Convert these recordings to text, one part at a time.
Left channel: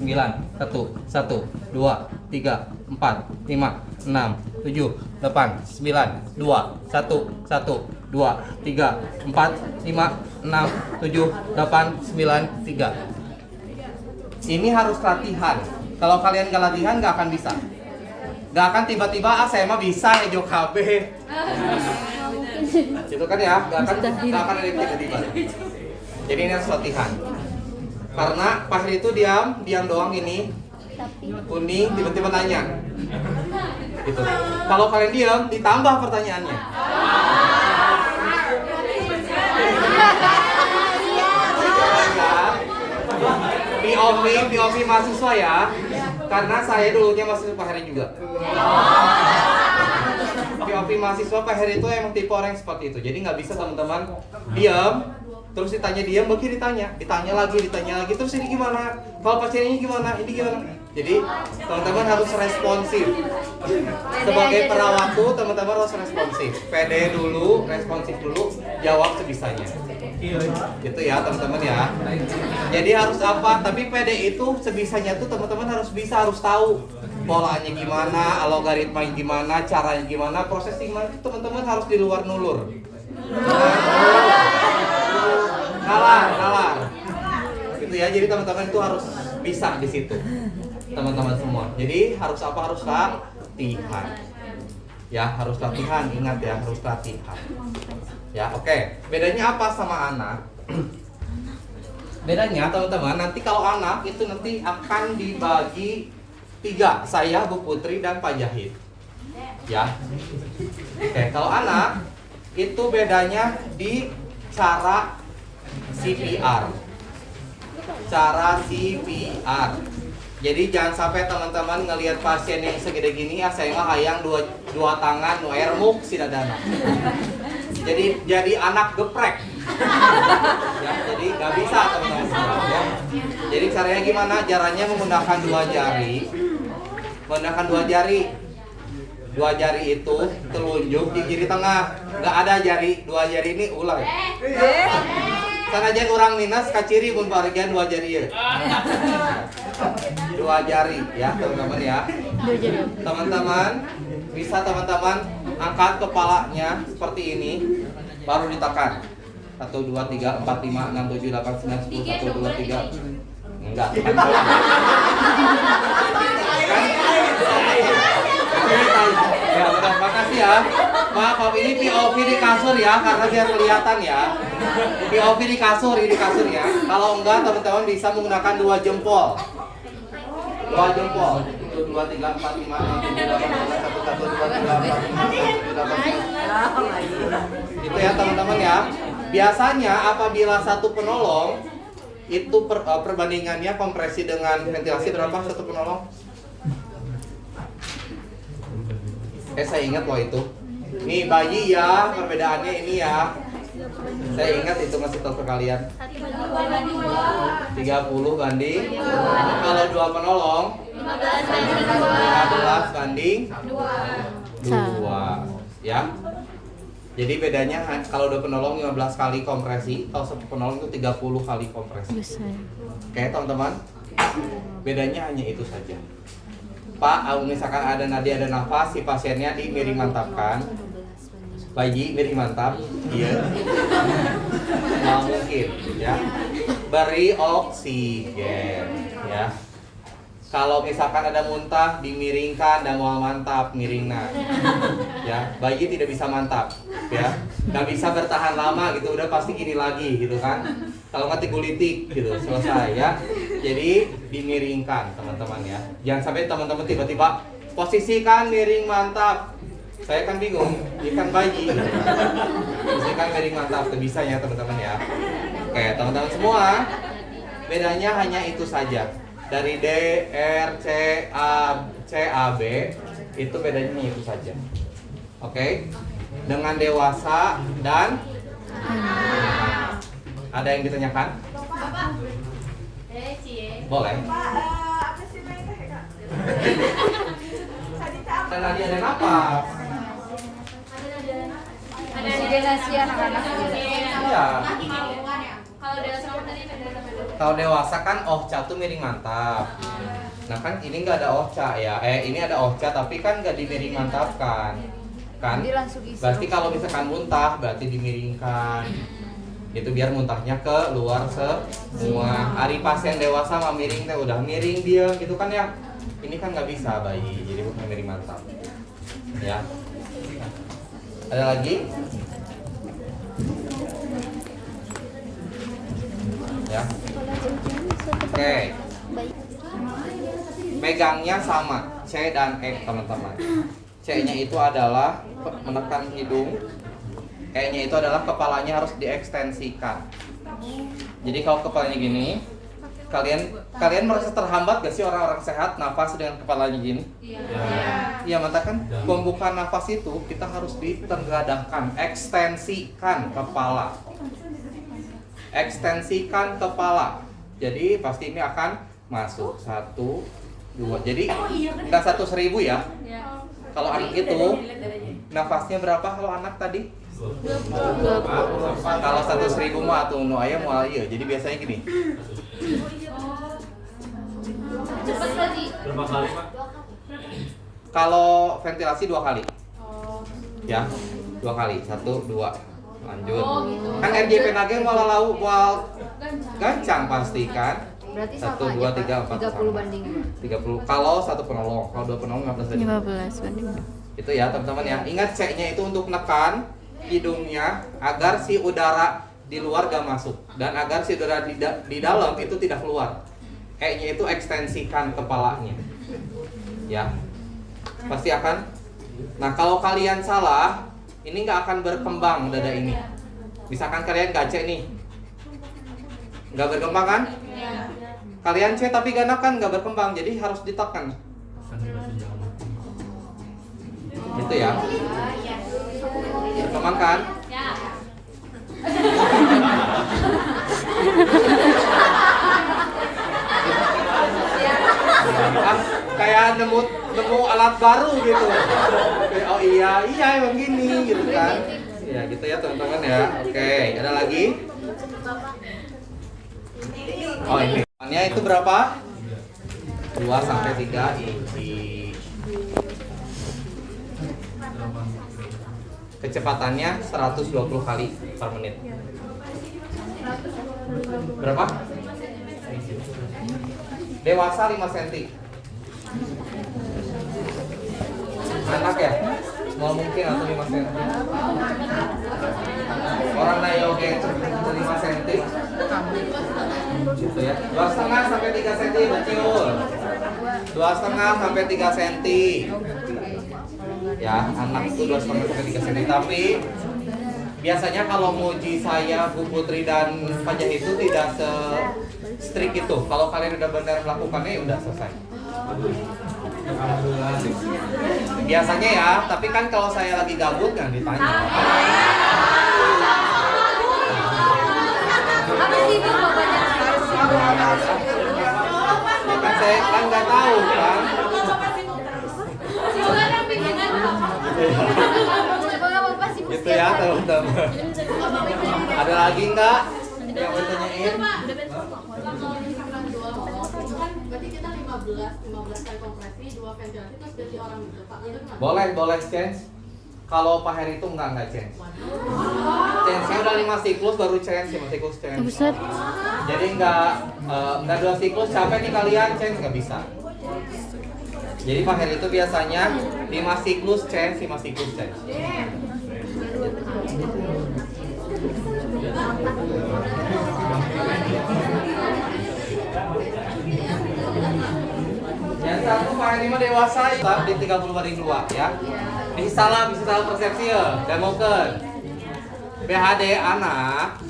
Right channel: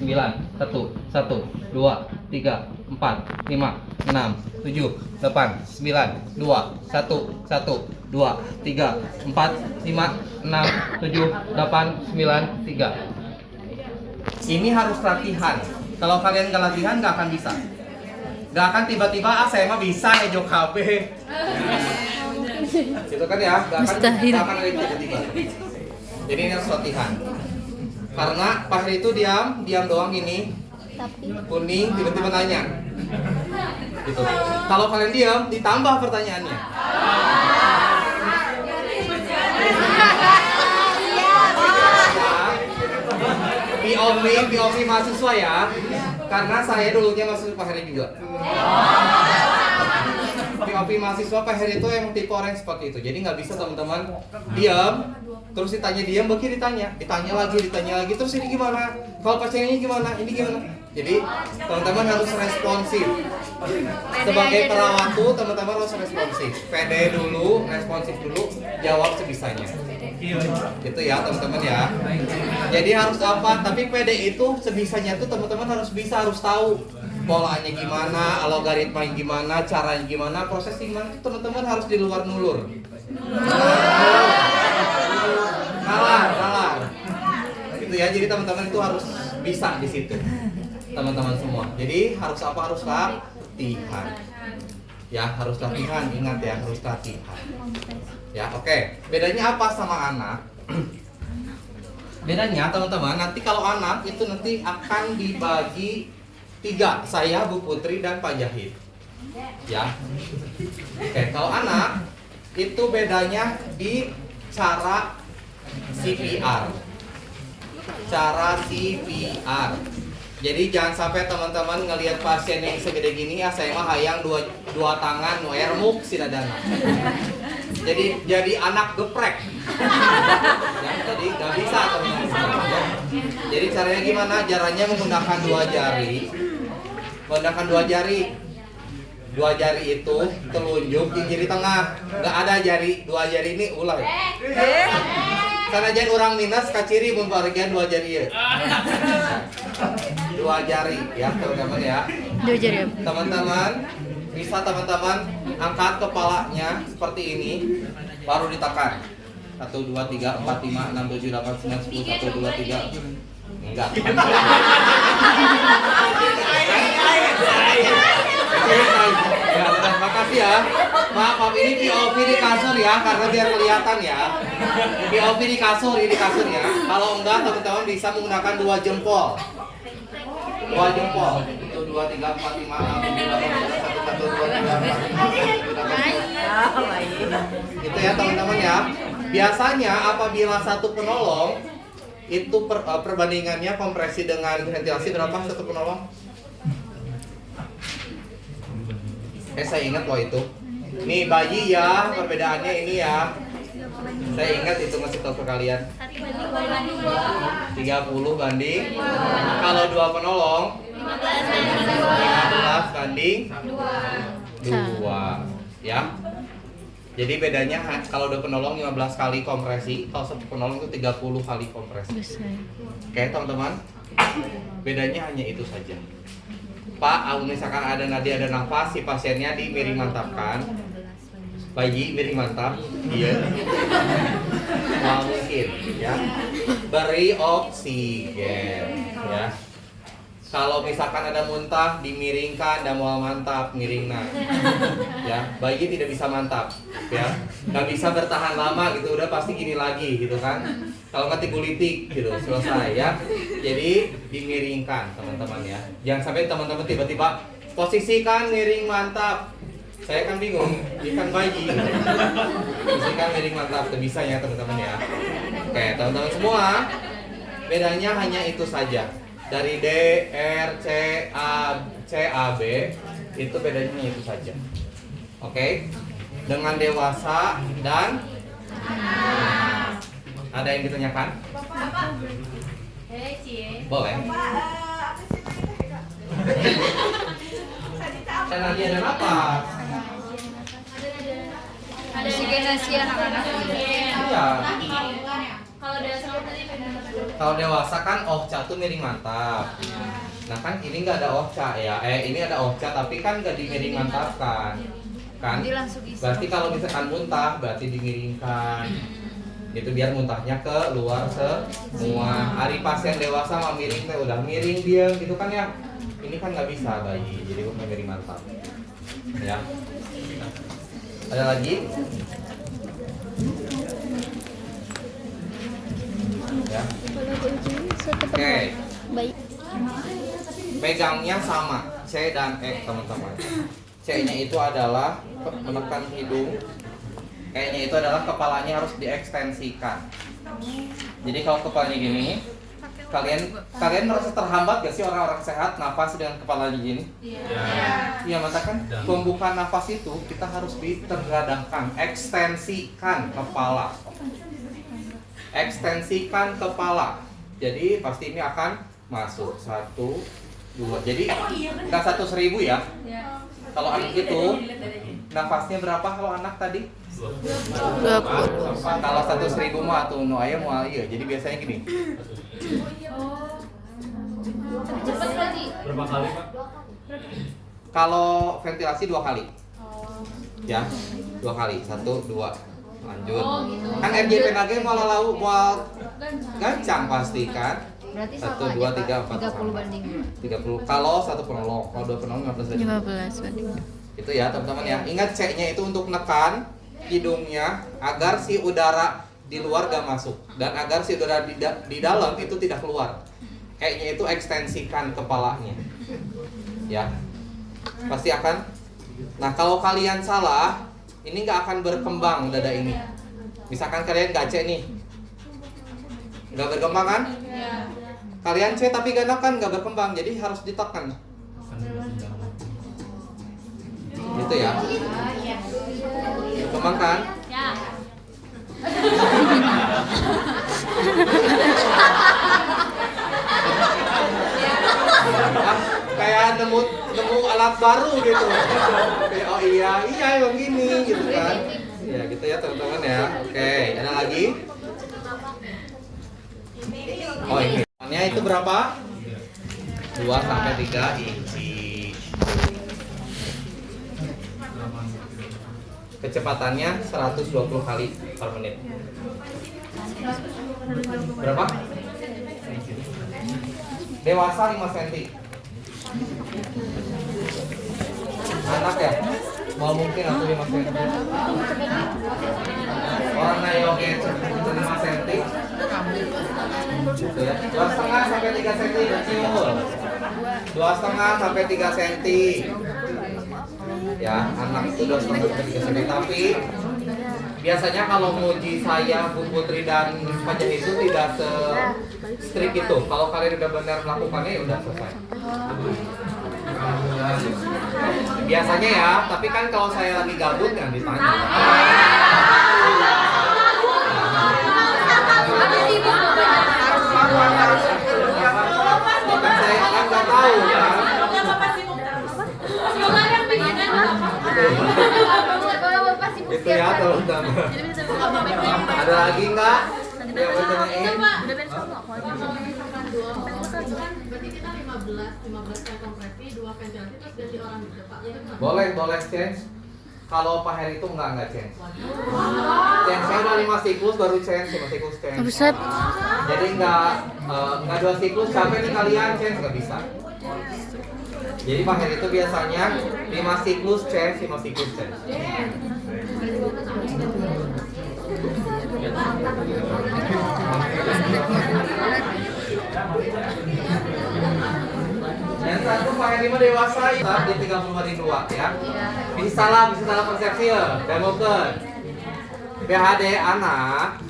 9, 1, 1, 2, 3, 4, 5, 6, 7, 8, 9, 2, 1, 1, 2, 3, 4, 5, 6, 7, 8, 9, 3. Ini harus latihan. Kalau kalian gak latihan gak akan bisa. Gak akan tiba-tiba saya mah bisa ngejok KB. Gitu kan ya? Gak akan ada tiba-tiba. Jadi ini harus latihan. Karena Pak Heri itu diam doang ini. Kuning tiba-tiba nanya. Gitu. Kalau kalian diam ditambah pertanyaannya. POV mahasiswa ya. Karena saya dulunya mahasiswa Pak Heri juga. POV mahasiswa Pak Heri itu emang tipe orang yang seperti itu. Jadi nggak bisa teman-teman diam, terus ditanya diam, bagi ditanya lagi, terus ini gimana? Kalau pasien ini gimana? Ini gimana? Jadi teman-teman harus responsif. Sebagai perawat tuh teman-teman harus responsif. Pede dulu, responsif dulu, jawab sebisanya. Gitu ya teman-teman ya. Jadi harus apa? Tapi pede itu sebisanya tuh teman-teman harus bisa, harus tahu polanya gimana, algoritmanya gimana, caranya gimana, prosesnya gimana. Itu teman-teman harus di luar nulur. Nalar. Gitu ya. Jadi teman-teman itu harus bisa di situ. Teman-teman semua. Jadi harus apa? Harus latihan. Ya, harus latihan. Ingat ya, harus latihan. Ya, oke. Bedanya apa sama anak? Bedanya teman-teman, nanti kalau anak itu nanti akan dibagi 3, saya, Bu Putri, dan Pak Jahid. Ya. Oke, kalau anak itu bedanya di cara CPR. Cara CPR. Jadi jangan sampai teman-teman ngelihat pasien yang segede gini, ya saya mah hayang dua tangan, nu ermuk si dadana. Jadi anak geprek. Ya, jadi nggak bisa teman-teman ya. Jadi caranya gimana? Caranya menggunakan 2 jari. Menggunakan 2 jari. 2 jari itu telunjuk di kiri tengah. Nggak ada jari 2 jari ini ulah. Karena jangan orang minus kaciri pun bagian 2 jari ya. 2 jari ya teman-teman ya. 2 jari. Teman-teman bisa teman-teman angkat kepalanya seperti ini, baru ditekan. 1, 2, 3, 4, 5, 6, 7, 8, 9, 10, 1, 2, 3. Enggak. Ya, terima kasih ya. Maaf ini POV di kasur ya, karena biar kelihatan ya. POV di kasur ya. Kalau enggak teman-teman bisa menggunakan 2 jempol. 2 jempol. 1, 2, 3, 4, 5, 6, 7, 8, 9, 1, 2, 3, 4, 5, 6, 7, 8. Gitu ya teman-teman ya. Biasanya apabila satu penolong itu perbandingannya kompresi dengan ventilasi berapa satu penolong? Saya ingat loh itu. Nih bayi ya, perbedaannya ini ya. Saya ingat itu ngasih tahu ke kalian. 30 banding. Kalau 2 penolong 15 banding 2. Ya. Jadi bedanya kalau 2 penolong 15 kali kompresi, kalau 1 penolong itu 30 kali kompresi. Oke, teman-teman. Bedanya hanya itu saja. Pak, misalkan ada nadi ada nafas, si pasiennya di miring mantapkan. Bayi miring mantap, iya. Mungkin, ya. Beri oksigen, ya. Kalau misalkan ada muntah, dimiringkan, dan mau mantap, miringna. Ya, bayi tidak bisa mantap, ya. Nggak bisa bertahan lama gitu, udah pasti gini lagi, gitu kan. Kalau nggak tigulitik gitu, selesai ya. Jadi dimiringkan teman-teman ya. Jangan sampai teman-teman tiba-tiba posisikan miring mantap. Saya kan bingung, ini kan bayi. Posisikan miring mantap, itu bisa ya teman-teman ya. Oke teman-teman semua, bedanya hanya itu saja. Dari D, R, C, A, B itu bedanya hanya itu saja. Oke, dengan dewasa dan ada yang ditanyakan? Boleh. Dan lagi ada napas. Ada oksigenasi anak-anak. Iya. Kalau ada tadi Kalau dewasa kan ohca tuh miring mantap. Nah kan ini nggak ada ohca ya. Ini ada ohca tapi kan nggak dimiring mantapkan. Kan? Berarti kalau misalkan muntah berarti dimiringkan. Itu biar muntahnya ke luar semua. Ari pasien dewasa mah miring teh udah miring dia gitu kan ya. Ini kan nggak bisa bayi, jadi bukan miring mantap. Ya. Ada lagi? Ya. Oke. Pegangnya sama, C dan E teman-teman. C-nya itu adalah menekan hidung. E-nya itu adalah kepalanya harus diekstensikan. Jadi kalau kepalanya gini, kalian merasa terhambat gak sih orang-orang sehat nafas dengan kepalanya gini? Iya, mata kan pembukaan nafas itu kita harus ditergadangkan, ekstensikan kepala. Ekstensikan kepala. Jadi pasti ini akan masuk 1, 2. Jadi nggak 1.000 ya. Kalau anak itu nafasnya berapa kalau anak tadi? 20. Kalau 1.000 mah tuh nu aya moal ieu. Jadi biasanya gini. Berapa kali, Pak? Kalau ventilasi 2 kali. Ya, 2 kali. 1, 2. Lanjut. Kan RJP nage malah lau moal gancang pasti kan? 1, 2, 3, 4 sama. 30. Kalau 1 penolong, kalau 2 penolong 15 banding. 15 banding. Itu ya teman-teman ya. Ingat C-nya itu untuk menekan hidungnya agar si udara di luar gak masuk dan agar si udara di dalam itu tidak keluar. E-nya itu ekstensikan kepalanya. Ya. Pasti akan. Nah, kalau kalian salah, ini nggak akan berkembang dada ini. Misalkan kalian gak C nih. Nggak berkembang kan? Kalian C tapi gak kan nggak berkembang, jadi harus ditekan. Gitu ya. Berkembang kan? Kayak nemu alat baru gitu. Kayak oh iya emang gini gitu kan. Ya gitu ya teman-teman ya. Oke, ada lagi? Oh ini. Itu berapa? 2 sampai 3 inci. Kecepatannya 120 kali per menit. Berapa? Dewasa 5 cm. Anak ya? Mau mungkin atau 5 cm. Orang nayoge 5 cm. Gitu ya. 2,5 sampai 3 cm betul. 2,5 sampai 3 cm. Ya, anak itu 2,5 sampai 3 cm. Tapi biasanya kalau muji saya, Bu Putri dan Pak Jah itu tidak se-strict itu. Kalau kalian udah benar melakukannya ya udah selesai. Biasanya ya, tapi kan kalau saya lagi gabut yang ditanya. Ya kan saya kan nggak tahu kan. Itu ya teman-teman. Ada lagi nggak? Yang bertanyain? Berarti kita 15 kali kompresi, 2 ventilasi terus ganti orang gitu Pak. Boleh change. Kalau Pak Heri itu enggak change. Change-nya udah 5 siklus baru change, 5 siklus change. Buset. Jadi enggak 2 siklus capek nih kalian change nggak bisa. Jadi Pak Heri itu biasanya 5 siklus change, 5 siklus change. Yang satu Pak Heri mah dewasa tetap di 30/2 ya. Bisa salah persepsi ya. Demokeun. PHD anak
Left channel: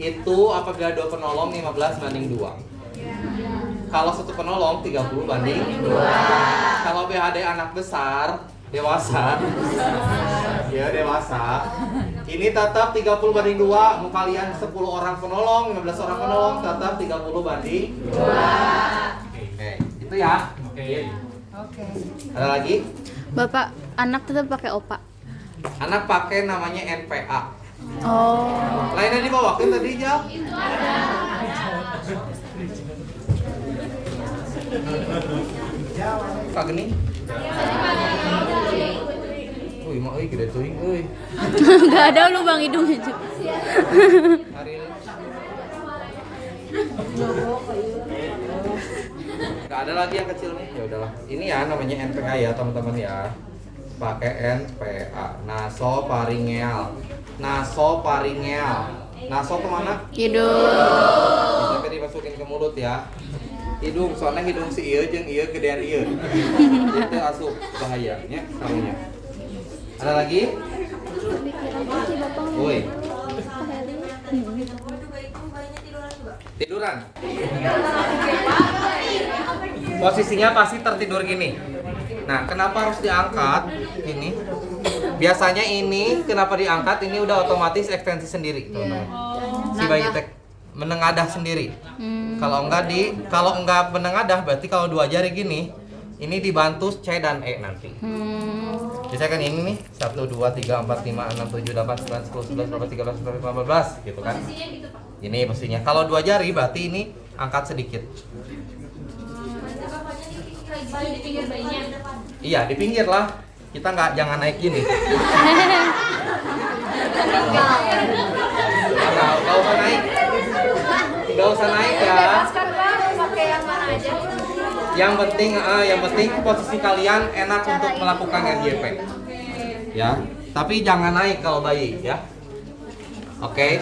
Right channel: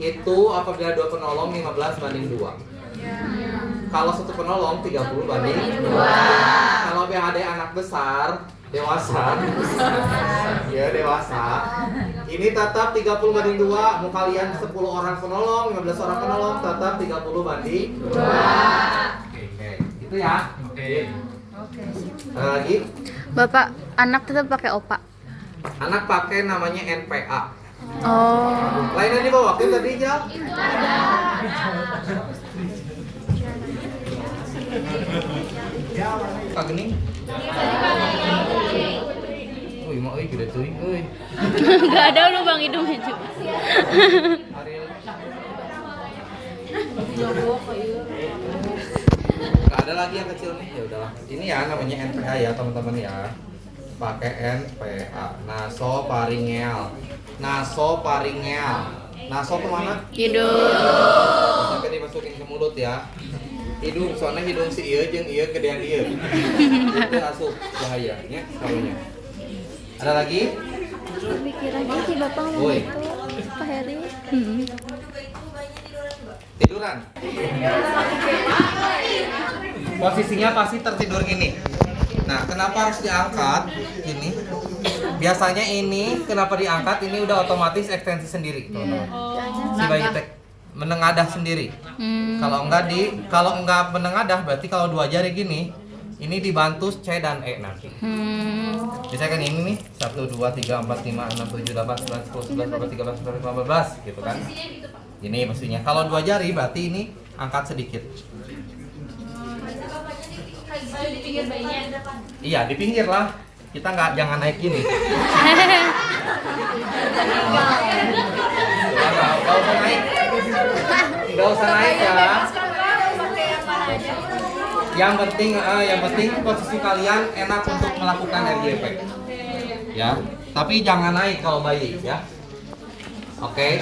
itu apabila 2 penolong 15/2. Kalau 1 penolong 30/2. Kalau PHD anak besar dewasa. Ya dewasa. Ini tetap 30/2. Mau kalian 10 orang penolong, 15 orang penolong tetap 30/2. Oke, itu ya. Oke. Ada lagi? Bapak, anak tetap pakai opa. Anak pakai namanya NPA. Oh. Lainnya dibawakan tadi ya? Kak gini. Uy, mau gitu tuh, uy. Gak ada lu Bang Hidung itu. Ariel. Gak ada lagi yang kecil nih. Ya udahlah. Ini ya namanya NPA ya teman-teman ya. Pakai NPA. Nasofaringel. Nasofaringel. Naso kemana? Hidung. Nanti dimasukin ke mulut ya. Hidung, soalnya hidung si ieu jeung ieu gedean ieu. Itu asup bahayanya karunya. Ada lagi? Woi, tiduran. Posisinya pasti tertidur gini. Nah, kenapa harus diangkat gini? Biasanya ini kenapa diangkat? Ini udah otomatis ekstensi sendiri, teman-teman. Si bayi tek menengadah sendiri. Kalau enggak menengadah berarti kalau dua jari gini, ini dibantu C dan E nanti. Bisa kan ini nih 1 2 3 4 5 6 7 8 9 10 11 12 13 14 15 gitu kan. Ini posisinya. Kalau dua jari berarti ini angkat sedikit. Iya, di pinggir lah. Kita jangan naik gini. Enggak usah naik. Enggak usah naik ya. Yang penting posisi kalian enak untuk melakukan RGP. Ya, tapi jangan naik kalau bayi ya. Oke.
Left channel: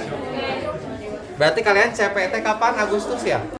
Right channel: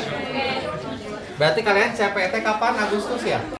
Berarti kalian CPT kapan? Agustus ya?